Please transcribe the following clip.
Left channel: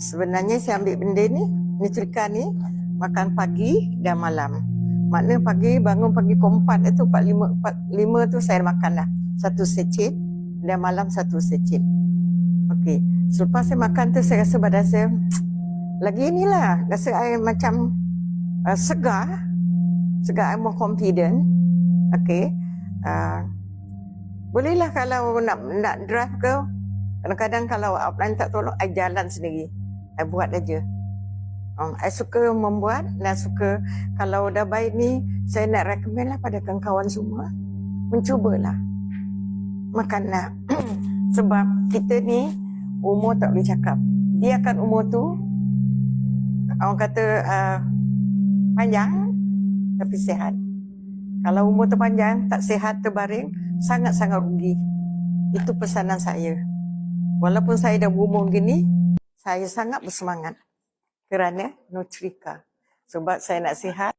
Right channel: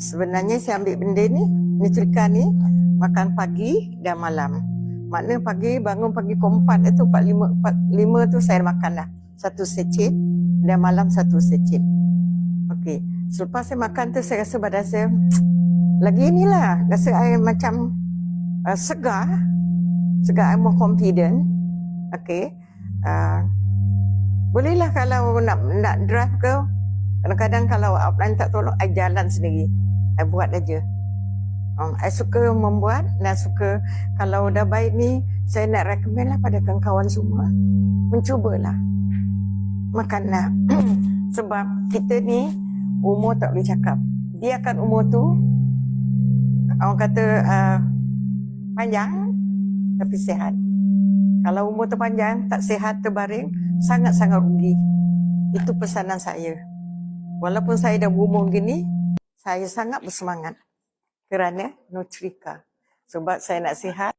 Sebenarnya saya ambil benda ni, nutrika ni, makan pagi dan malam. Maknanya pagi, bangun pagi pukul 4 itu, 4, 5 tu saya makan dah. 1 secit dan malam 1 secit. Okey. Selepas saya makan tu, saya rasa badan saya lagi inilah. Rasa saya macam segar. Segar, I'm more confident. Okey. Bolehlah kalau nak drive ke, kadang-kadang kalau upline tak tolong, I jalan sendiri. I buat aja. I suka membuat dan suka, kalau dah baik ni, saya nak recommend lah pada kawan-kawan semua. Mencubalah. Makanlah. Sebab kita ni, umur tak boleh cakap. Dia akan umur tu, orang kata panjang, tapi sihat. Kalau umur tu panjang, tak sihat, terbaring, sangat-sangat rugi. Itu pesanan saya. Walaupun saya dah berumur gini, saya sangat bersemangat kerana Nutrika. Sebab saya nak sihat.